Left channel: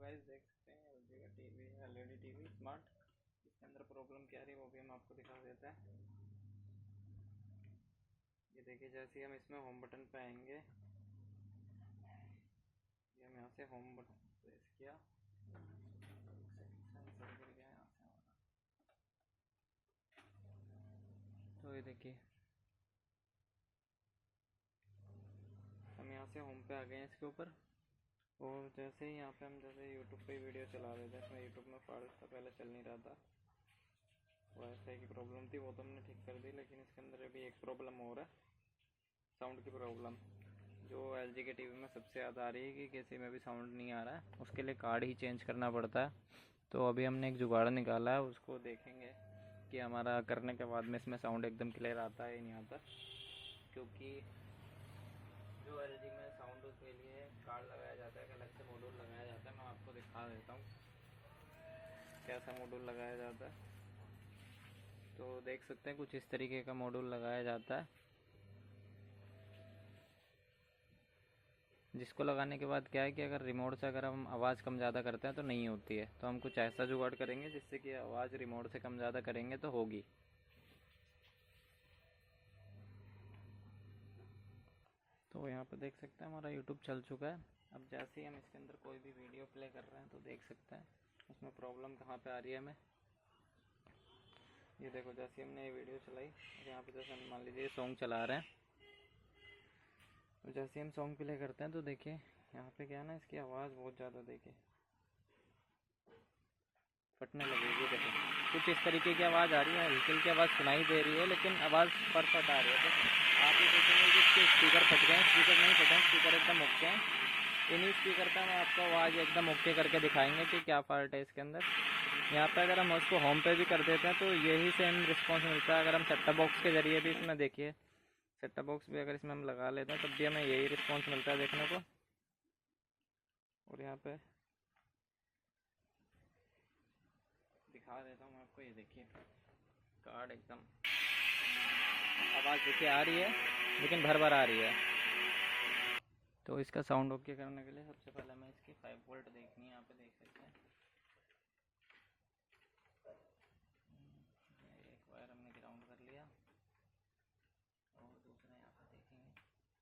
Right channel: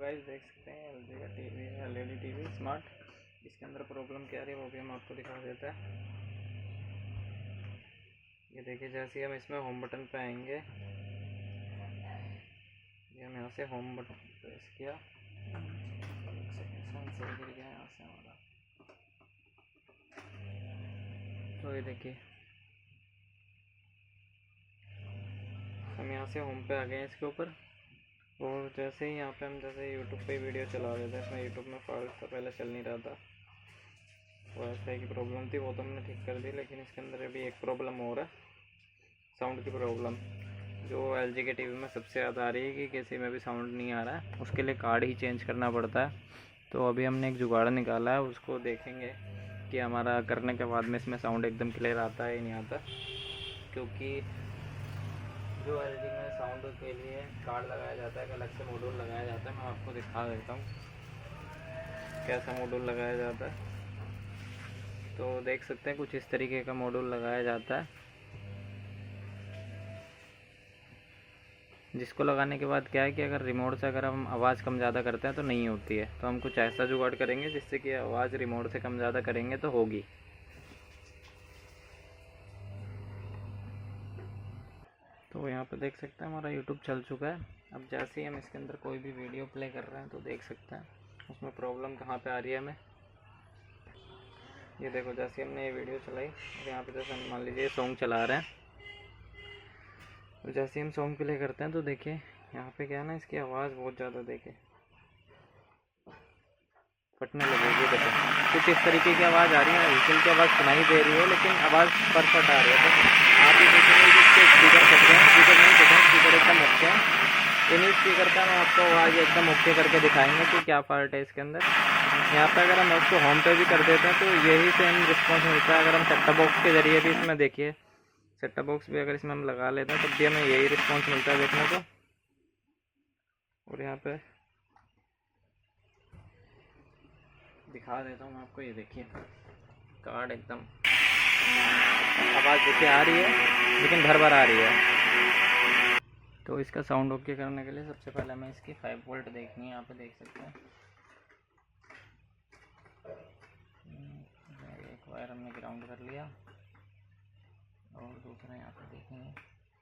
Guys देख सकते हैं एलजी का टीवी है, एलईडी टीवी स्मार्ट। इसके अंदर प्रॉब्लम क्या आ रही है वो भी हम आपको दिखा देता है। ये देखिए, जैसे ही हम इसमें होम बटन पे आएंगे, ये हम यहाँ से होम बटन प्रेस किया, सेंसर गिर गया यहाँ से हमारा। तो ये देखिए, हम यहाँ से होम पे आ गए हैं इसके ऊपर। और जैसे ही यहाँ पे हम जैसे यूट्यूब पे वीडियो चला रहे थे, इसमें यूट्यूब में फॉल्ट था, पहले चल नहीं रहा था, वाईफाई की प्रॉब्लम थी, वो तो हमने ठीक कर दी। लेकिन इसके अंदर अभी एक प्रॉब्लम और है, साउंड की प्रॉब्लम, जो एलजी के टीवी में सबसे ज़्यादा आ रही है कि किसी में भी साउंड नहीं आ रहा है। उसके लिए कार्ड ही चेंज करना पड़ता है। तो अभी हमने एक जुगाड़ निकाला है, उसको देखेंगे कि हमारा करने के बाद में इसमें साउंड एकदम क्लियर आता है नहीं आता। क्योंकि जो एलजी में साउंड के लिए कार्ड लगाया जाता है, एक अलग से मॉड्यूल लगाया जाता है। मैं आपको दिखा देता हूँ कैसा मॉड्यूल लगाया जाता है। तो देख सकते हैं कुछ इस तरीके का मॉड्यूल लगाया जाता है, जिसको लगाने के बाद क्या है कि अगर रिमोट से अगर हम आवाज़ कम ज़्यादा करते हैं तो नहीं होती है। तो हम कुछ ऐसा जुगाड़ करेंगे जिससे कि आवाज़ रिमोट से कम ज़्यादा करेंगे तो होगी। तो यहाँ पे देख सकते हैं हमारा यूट्यूब चल चुका है। अब जैसे ही हम इसके अंदर कोई भी वीडियो प्ले कर रहे हैं तो देख सकते हैं उसमें प्रॉब्लम कहाँ पे आ रही है हमें। ये देखो, जैसे हमने ये वीडियो चलाई और यहाँ पे जैसे हम मान लीजिए सॉन्ग चला रहे हैं, तो जैसे हम सॉन्ग प्ले करते हैं तो देखिए यहाँ पे क्या है ना, इसकी आवाज़ बहुत ज़्यादा देखिए फटने लगेगी। देखो कुछ इस तरीके की आवाज़ आ रही है, व्हीकल की आवाज़ सुनाई दे रही है लेकिन आवाज़ परफेक्ट आ रही है। तो आप ही देखेंगे कि इसके स्पीकर फट गए हैं, स्पीकर नहीं फटे हैं, स्पीकर एकदम ओके हैं। इन्हीं स्पीकर का हम आपको आवाज़ एकदम ओके करके दिखाएंगे कि क्या फॉल्ट है इसके अंदर। यहाँ पे अगर हम उसको होम पे भी कर देते हैं तो यही सेम रिस्पॉन्स मिलता है। अगर हम सेट टॉप बॉक्स के ज़रिए भी इसमें देखिए, सेट टॉप बॉक्स भी अगर इसमें हम लगा लेते हैं तब भी हमें यही रिस्पॉन्स मिलता है देखने को। और यहाँ पे दिखा देता हूँ मैं आपको, ये देखिए कार्ड एकदम आवाज़ देखिए आ रही है लेकिन भर भर आ रही है। तो इसका साउंड ओके करने के लिए सबसे पहले हमें इसकी 5 वोल्ट देखनी है। यहाँ पे देख सकते हैं एक वायर हमने ग्राउंड कर लिया और दूसरा यहाँ पे देखेंगे,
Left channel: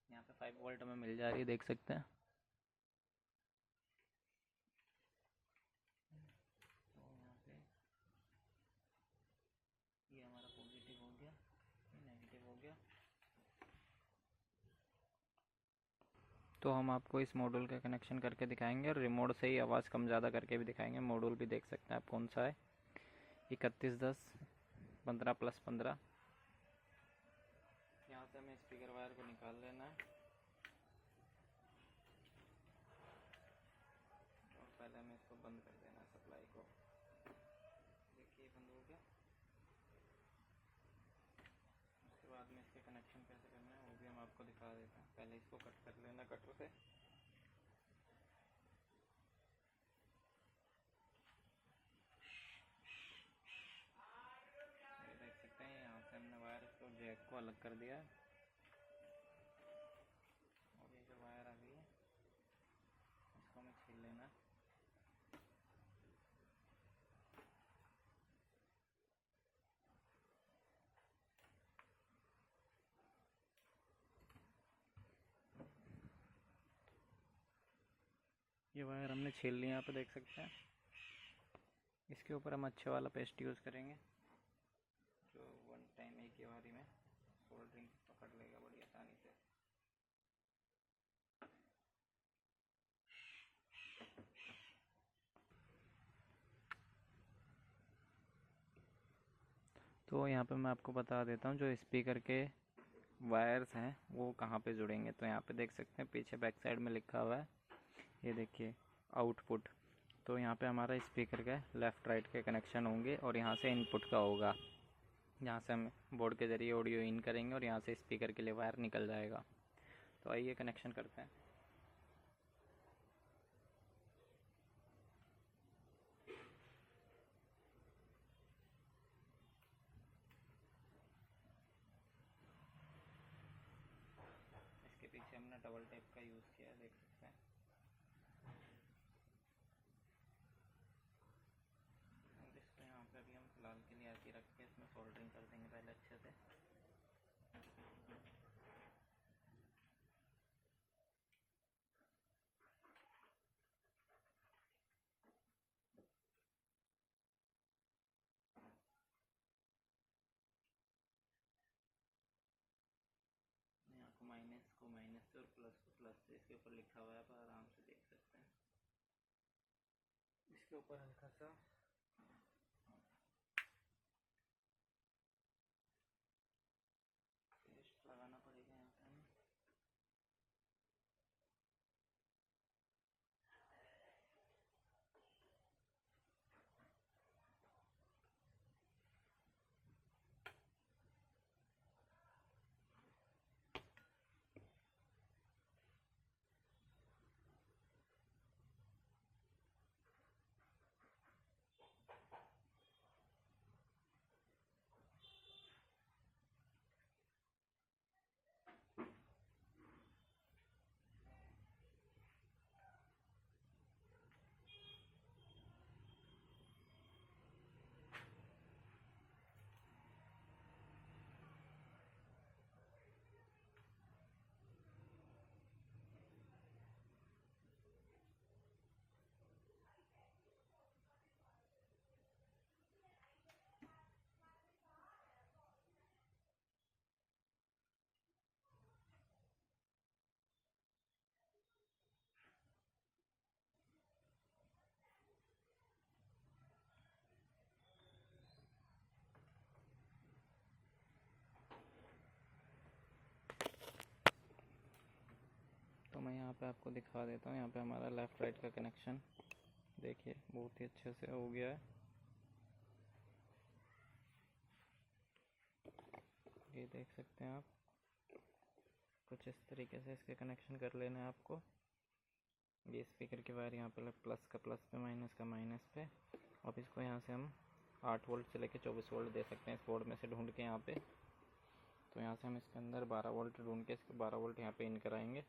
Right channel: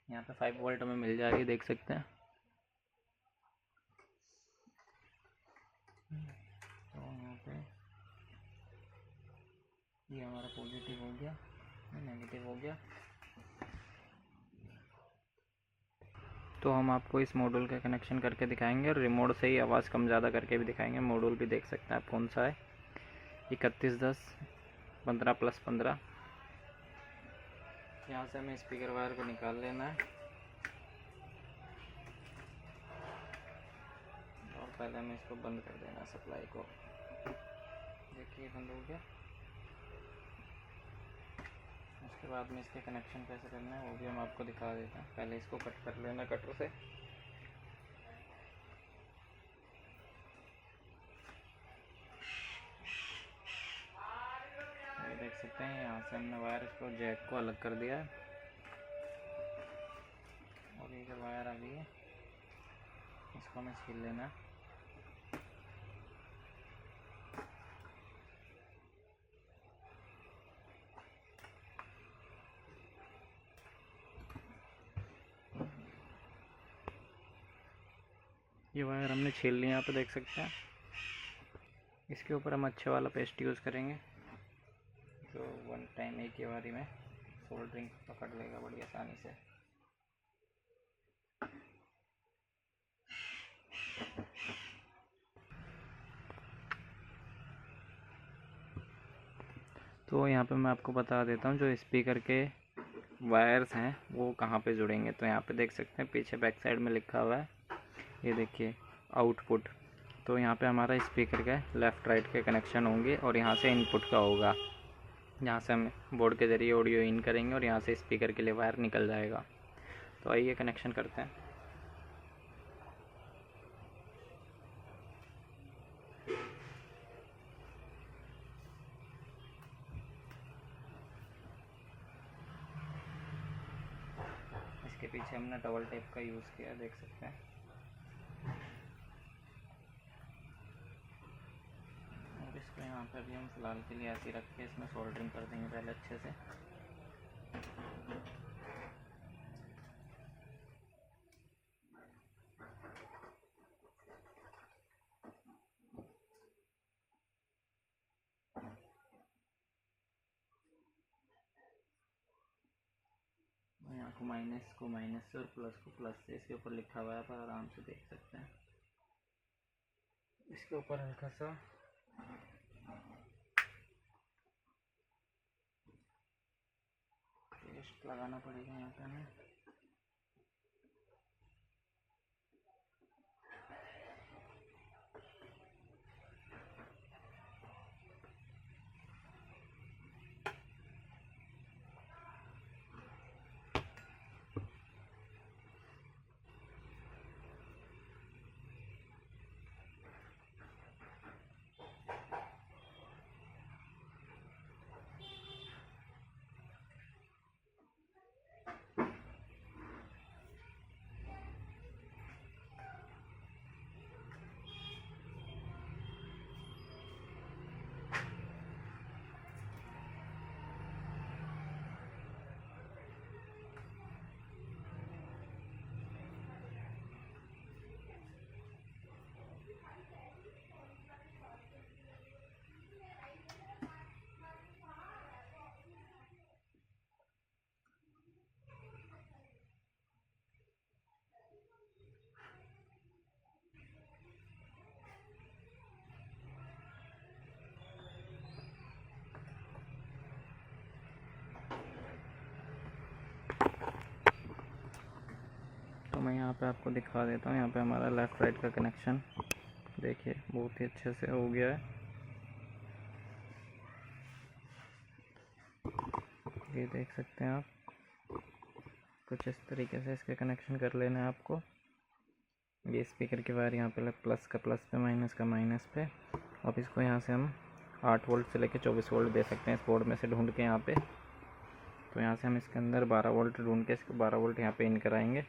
यहाँ पे 5 वोल्ट हमें मिल जाएगी, देख सकते हैं। तो यहाँ पे ये हमारा पॉजिटिव हो गया, नेगेटिव हो गया। तो हम आपको इस मॉड्यूल का कनेक्शन करके दिखाएंगे और रिमोट से ही आवाज़ कम ज़्यादा करके भी दिखाएंगे। मॉड्यूल भी देख सकते हैं आप कौन सा है, 3110 15+15। यहाँ से हमें स्पीकर वायर को निकाल लेना है और पहले हमें इसको बंद कर देना, सप्लाई को। देखिए बंद हो गया। उसके बाद में इसके कनेक्शन कैसे करना है वो भी हम आपको दिखा देते हैं। पहले इसको कट कर लेना कटर से। ये देख सकते हैं यहाँ से हमने वायर इसको जैक को अलग कर दिया है और ये जो वायर आ गई है इसको हमें छील लेना है। ये वायर हमने छील लिया, यहाँ पे देख सकते हैं। इसके ऊपर हम अच्छे वाला पेस्ट यूज़ करेंगे जो वन टाइम एक ही बारी में सोल्डरिंग पकड़ लेगा बड़ी आसानी से। तो यहाँ पे मैं आपको बता देता हूँ जो स्पीकर के वायर्स हैं वो कहाँ पे जुड़ेंगे। तो यहाँ पे देख सकते हैं पीछे बैक साइड में लिखा हुआ है, ये देखिए आउटपुट। तो यहाँ पे हमारा स्पीकर के लेफ़्ट राइट के कनेक्शन होंगे और यहाँ से इनपुट का होगा। यहाँ से हम बोर्ड के ज़रिए ऑडियो इन करेंगे और यहाँ से स्पीकर के लिए वायर निकल जाएगा। तो आइए कनेक्शन करते हैं। इसके पीछे हमने डबल टेप का यूज़ किया, देख सकते हैं। पे अभी हम फ़िलहाल के लिए ऐसे ही रख के इसमें सोल्डरिंग कर देंगे पहले अच्छे से। यहाँ को माइनस से और प्लस को प्लस से इसके ऊपर लिखा हुआ है, पर आराम से देख सकते हैं। इसके ऊपर हल्का सा पेस्ट लगाना पड़ेगा यहाँ पे हमें। तो मैं यहाँ पे आपको दिखा देता हूँ। यहाँ पे हमारा लेफ़्ट राइट का कनेक्शन देखिए बहुत ही अच्छे से हो गया है। ये देख सकते हैं आप, कुछ इस तरीके से इसके कनेक्शन कर लेना है आपको। ये स्पीकर की वायर यहाँ पे प्लस का प्लस पे, माइनस का माइनस पे। अब इसको यहाँ से हम 8 वोल्ट से लेके 24 वोल्ट दे सकते हैं इस बोर्ड में से ढूंढ के यहाँ पे। तो यहाँ से हम इसके अंदर 12 वोल्ट ढूंढ के इसको 12 वोल्ट यहाँ पे इन कराएंगे।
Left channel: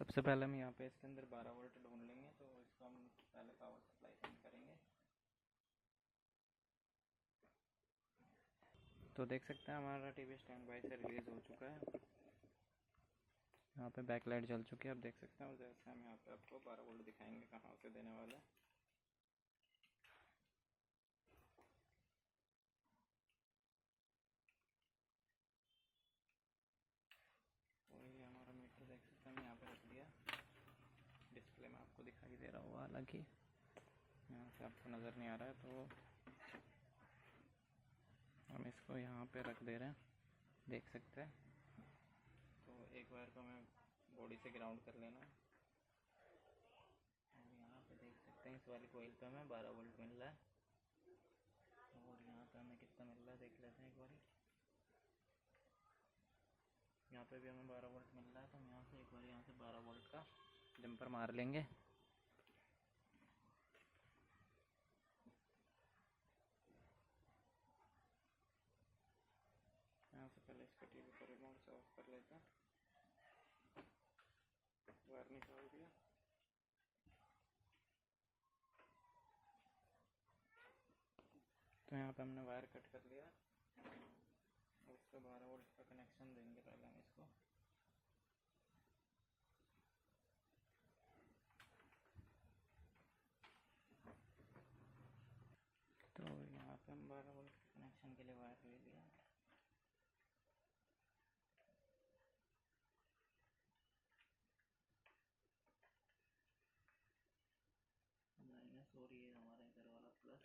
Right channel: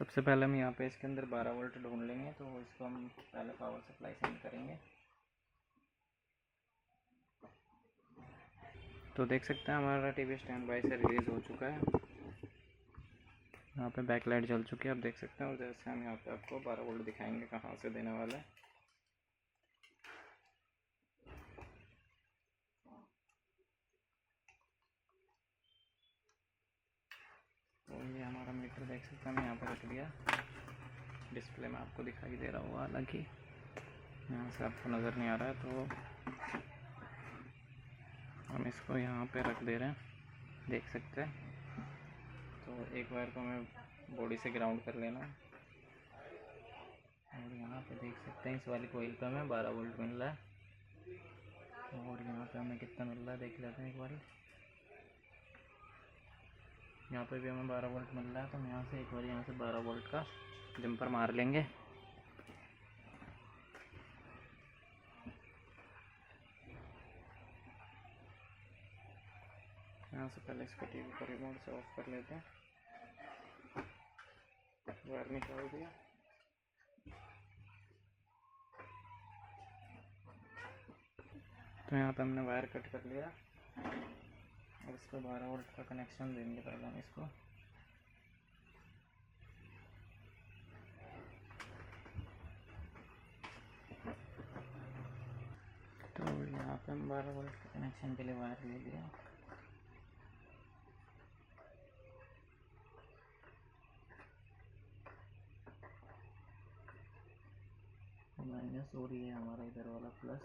सबसे पहले हम यहाँ पे इसके अंदर 12 वोल्ट ढूंढ लेंगे, तो इसको हम पहले पावर सप्लाई सेंड करेंगे। तो देख सकते हैं हमारा टीवी स्टैंड बाई से रिलीज़ हो चुका है। यहाँ पे बैक लाइट जल चुकी है, आप देख सकते हैं। और जैसे हम यहाँ पे आपको 12 वोल्ट दिखाएंगे कहाँ से देने वाला है। तो ये हमारा मीटर देख सकते हैं, हम यहाँ पे रख दिया। डिस्प्ले में आपको दिखाई दे रहा होगा, हालांकि यहाँ से आपको नज़र नहीं आ रहा है। तो हम इसको यहाँ पे रख दे रहे हैं, देख सकते हैं। तो एक वायर को हमें बॉडी से ग्राउंड कर लेना है। और यहाँ पे देख सकते हैं इस वाली कोइल पे हमें 12 वोल्ट मिल रहा है। और यहाँ पे हमें कितना मिल रहा है देख लेते हैं एक बार। यहाँ पे भी हमें 12 वोल्ट मिल रहा है। तो हम यहाँ से एक बार यहाँ से 12 वोल्ट का जंपर मार लेंगे। यहाँ से पहले इसको टीवी को रिमोट से ऑफ कर लेते हैं। वायर निकाल दिया। तो यहाँ पे हमने वायर कट कर लिया और इसको 12 वोल्ट का कनेक्शन देंगे पहले हम इसको। तो यहाँ पे हम 12 वोल्ट के कनेक्शन के लिए वायर ले लिया। माइनस हो रही है हमारा इधर वाला प्लस।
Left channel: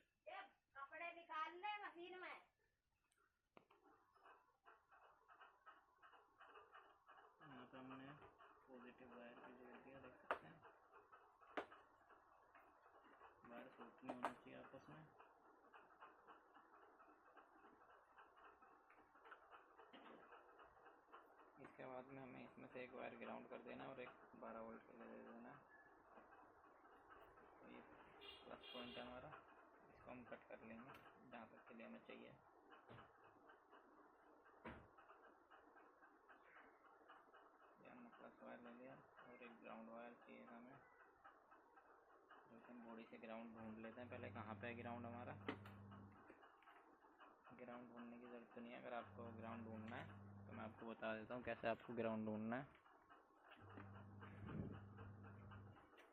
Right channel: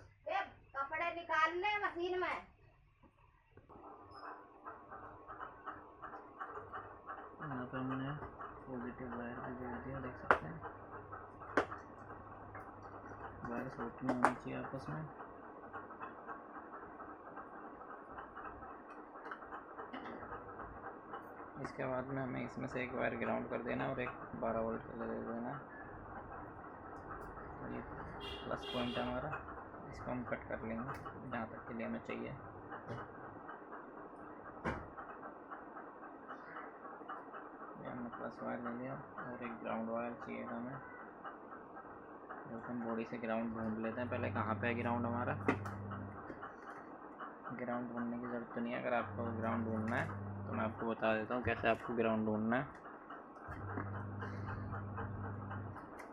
कपड़े निकाल ले मशीन में। यहाँ पे हमने पॉजिटिव वायर भी जोड़ दिया, देख सकते हैं। वायर शॉर्ट नहीं होनी चाहिए आपस में। इसके बाद में हमें इसमें से एक वायर ग्राउंड कर देना और एक 12 वोल्ट का दे देना। तो ये प्लस पॉइंट है हमारा, इसको हम कट कर लेंगे जहाँ तक के लिए हमें चाहिए। ये हमने प्लस वायर ले लिया और एक ग्राउंड वायर चाहिए हमें, जो कि हम बॉडी से ग्राउंड ढूंढ लेते हैं। पहले कहाँ पे है ग्राउंड हमारा। ग्राउंड ढूंढने की ज़रूरत तो नहीं है। अगर आपको ग्राउंड ढूंढना है तो मैं आपको बता देता हूँ कैसे आपको ग्राउंड ढूंढना है।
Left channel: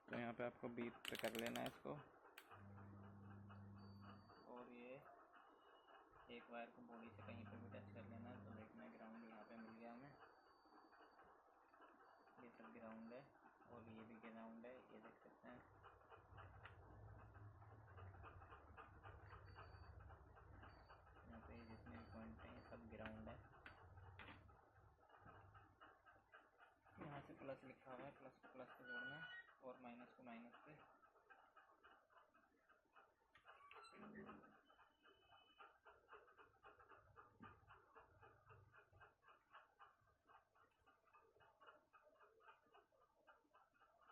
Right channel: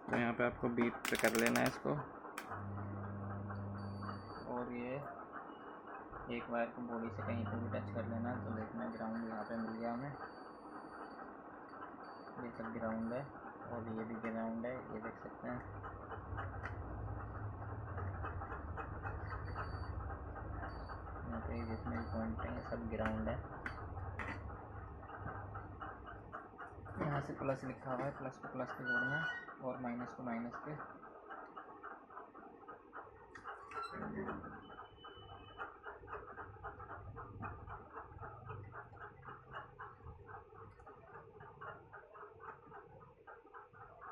तो यहाँ पे आपको बीट पे कर लेना है इसको, और ये एक वायर को बॉडी से कहीं पे भी टच कर लेना है। तो देखना ग्राउंड यहाँ पे मिल गया हमें। ये सब ग्राउंड है और ये भी ग्राउंड है, ये देख सकते हैं। यहाँ पे जितने भी पॉइंट हैं ये सब ग्राउंड है। यहाँ से प्लस लिखा हुआ है, प्लस को प्लस पे जोड़ना है और माइनस को माइनस पे।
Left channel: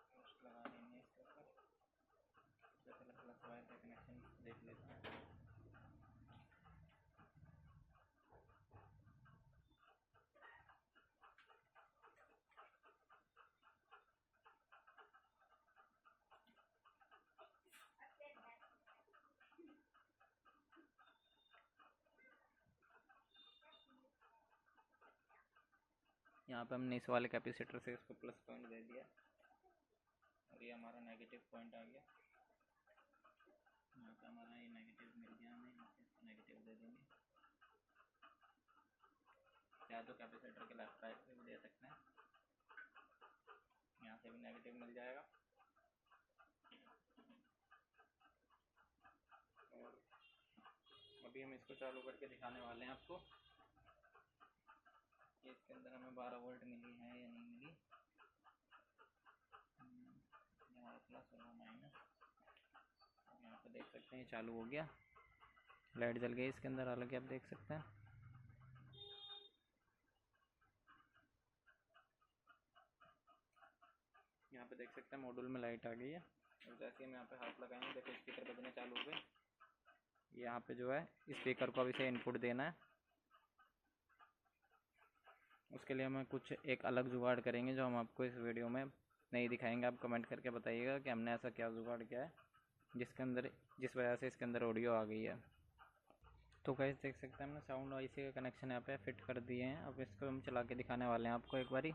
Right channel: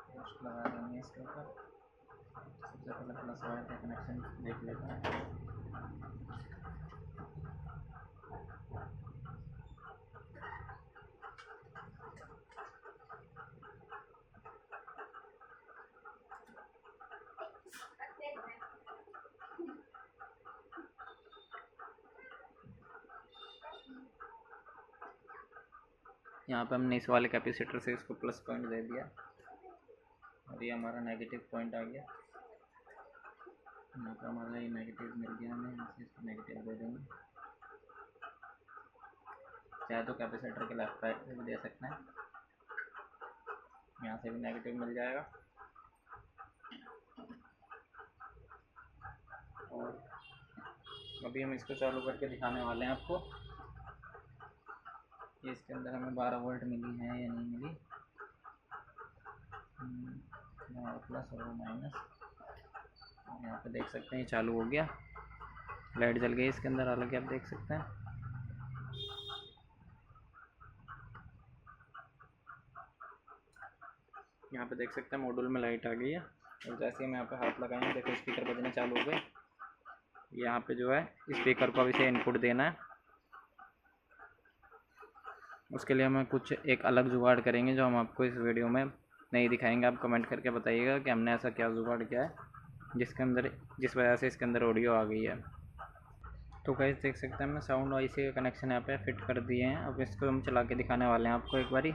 पोस्ट लगा देंगे इसके ऊपर। सबसे पहले प्लस वायर का कनेक्शन देख लेते हैं। यहाँ पे हमने इस वाले कैपेसिटर से इसको प्लस पॉइंट दे दिया और ये हमारा नेगेटिव पॉइंट आ गया। यहाँ पे हमारा ये नेगेटिव मिल गया, हमें यहाँ से इसको नेगेटिव दे देंगे। चाहे तो कैपेसिटर के लेफ्ट साइड पे भी दे सकते हैं, यहाँ से भी नेगेटिव मिल जाएगा। और अभी हम इसको चालू करके दिखाने वाले हैं आपको। ये इसके अंदर हमें 12 वोल्ट मिली है या नहीं मिली। यहाँ प्लस और माइनस, यहाँ पे देख सकते हैं ये चालू हो गया, लाइट जल गई इसके अंदर। हालांकि आप देख सकते हैं यहाँ पे देख सकते हैं मॉड्यूल में लाइट आ गई है। और जैसे ही हम यहाँ पे हाथ लगाएंगे देखो स्पीकर बजने चालू हो गए। यहाँ पे जो है स्पीकर को अभी से इनपुट देना है। उसके लिए हमें कुछ एक अलग जुगाड़ करेंगे जो हम आपको इस वीडियो में नहीं दिखाएंगे। आप कमेंट करके बताइएगा कि हमने ऐसा क्या जुगाड़ किया है जिस वजह से इसके अंदर ऑडियो आ गई है। तो गाइस देख सकते हैं हमने साउंड वाइस के कनेक्शन यहाँ पे फिट कर दिए हैं। अब इसको हम चला के दिखाने वाले हैं आपको एक बारी।